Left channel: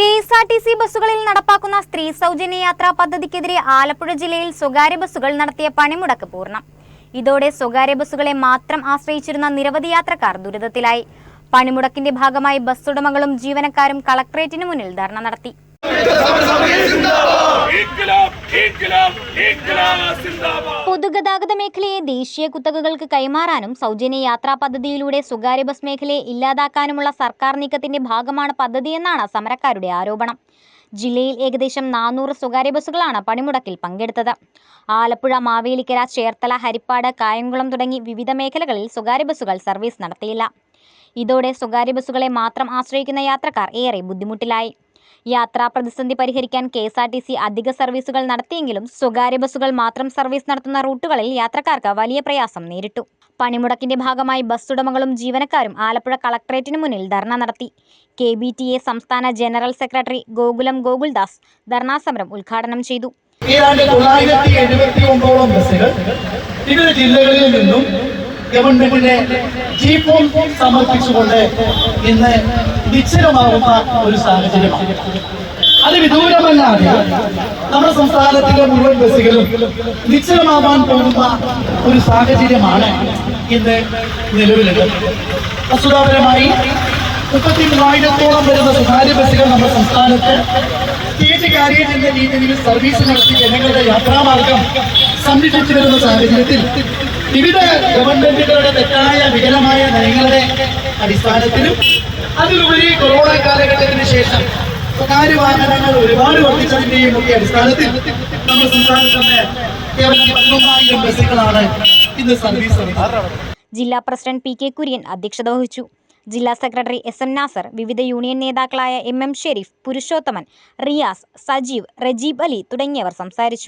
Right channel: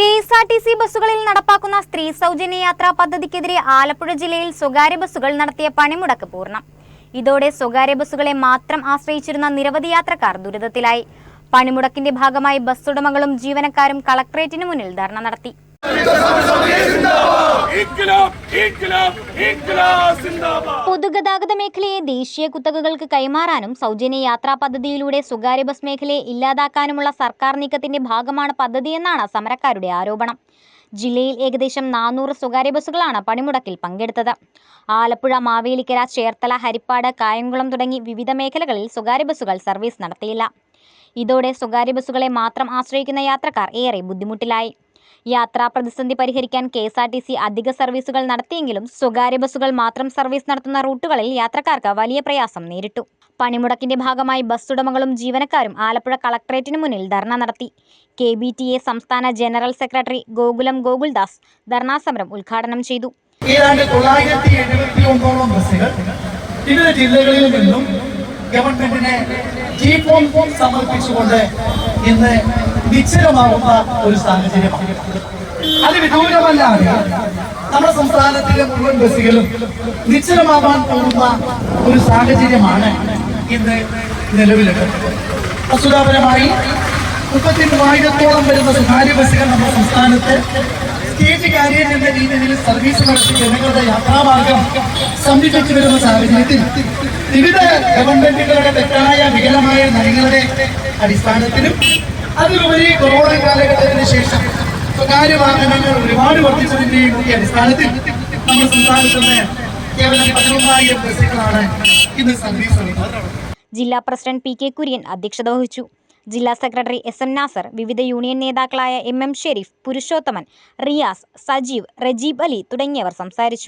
KSRTC ബസ്സുകളിൽ നടപ്പാക്കുന്ന സ്ത്രീ സൗജന്യ യാത്രാ പദ്ധതിക്കെതിരെ ആലപ്പുഴ ജില്ലയിൽ സ്വകാര്യ ബസ്സുകൾ നടത്തിയ പണിമുടക്ക് പൂർണ്ണം. ഇതോടെ സ്വകാര്യ ബസ്സുകളെ മാത്രം ആശ്രയിച്ചിരുന്ന നിരവധി യാത്രക്കാർ ദുരിതത്തിലായി. പണിമുടക്കിന്റെ ഭാഗമായി ബസ് ഉടമകളും ജീവനക്കാരും കളക്ടറേറ്റിന് മുന്നിൽ ധർണ നടത്തി. പൊതുഗതാഗത മേഖലയെ ദേശീയ കുത്തകകൾക്ക് കൈമാറാനും സൗജന്യ യാത്രാ പദ്ധതിയിലൂടെ സ്വകാര്യ ബസ് മേഖലയെ ഇല്ലാതാക്കാനുമുള്ള സർക്കാർ നീക്കത്തിന്റെ ഭാഗമാണ് പദ്ധതിയെന്നാണ് സമരക്കാരുടെ ആരോപണം. ജില്ലയിൽ ഏകദേശം 400 സ്വകാര്യ ബസ്സുകളാണ് പണിമുടക്കിൽ പങ്കെടുത്തത്. ആലപ്പുഴ, മാവേലിക്കര, ചേർത്തല, ഹരിപ്പാട്, കായംകുളം തുടങ്ങി വിവിധ മേഖലകളിൽ സ്വകാര്യ ബസ്സുകൾ സർവീസ് നടത്തിയില്ല. ഇതോടെ സ്വകാര്യ ബസ്സുകളെ മാത്രം ആശ്രയിക്കുന്ന യാത്രക്കാർ ഏറെ ബുദ്ധിമുട്ടിലായി. യാത്രാ പ്രതിസന്ധി പരിഹരിക്കാൻ കെഎസ്ആർടിസി അധിക സർവീസുകൾ നടത്തിയെങ്കിലും സ്വകാര്യ ബസ്സുകൾ മാത്രം സർവീസ് നടത്തുന്ന റൂട്ടുകളിൽ യാത്രക്കാർക്ക് വലിയ പ്രയാസം നേരിട്ടു. പണിമുടക്കിന്റെ ഭാഗമായി ബസ് ഉടമകളും ജീവനക്കാരും ആലപ്പുഴ കളക്ടറേറ്റിന് മുന്നിൽ ധർണ നടത്തി. KBTA സംസ്ഥാന ജനറൽ സെക്രട്ടറി ഗോകുലം ഗോകുൽദാസ് ധർണാസമരം ഉദ്ഘാടനം ചെയ്തു. ഏതാണ്ട് 979 ബസ്സുകൾ വിവിധ ജില്ലകളിൽ നിന്നും ഗവൺമെന്റിനെ ജീപ്പോൺ സമർപ്പിച്ചുകൊണ്ട് ഇന്ന് നിശ്ചലമാവുന്ന ഒരു സാഹചര്യമാണ്. അത് വിദൂരമല്ലാതെ നമ്മുടെ സംസ്ഥാനത്തിലെ മുഴുവൻ ബസ്സുകളും നിശ്ചലമാവാൻ പോകുന്ന ഒരു സാഹചര്യമാണ് ഇന്ന് നിലവിലുള്ളത്. വസ്തുതാപരമായി 33,000-ഓളം വരുന്ന സ്വകാര്യ ബസ്സുകൾ നമ്മുടെ സംസ്ഥാനത്ത് സ്റ്റേജ് കാരിയർ എന്ന രീതിയിൽ സർവീസ് നടത്തി ജനങ്ങളുടെ യാത്രാമാർഗം സംരക്ഷിച്ചു വരുന്ന സാഹചര്യത്തിൽ വിവിധ ഗവൺമെന്റുകളുടെ തെറ്റായ വികലമായ നയങ്ങളുടെ അടിസ്ഥാനത്തിലും അതിലുപരി കൊറോണ കാലഘട്ടത്തിന് ശേഷം സ്വകാര്യ വാഹനങ്ങൾ ഒരുപാട് വർദ്ധിച്ചതിന്റെയും ഒക്കെ അടിസ്ഥാനത്തിൽ നമ്മുടെ സംസ്ഥാനത്ത് നിന്ന് കേവലം 11,000 ബസ്സുകളാണ് ഇന്ന് സർവീസ് നടത്തുന്നത്. ജില്ലാ പ്രസിഡന്റ് PK കുര്യൻ അധ്യക്ഷത വഹിച്ചു. ജില്ലാ സെക്രട്ടറി SM നാസർ, വിവിധ യൂണിയൻ നേതാക്കളായ MM ഷെരീഫ്, പുരുഷോത്തമൻ, റിയാസ്, സജീവ്, റജീബ് അലി തുടങ്ങിയവർ സംസാരിച്ചു.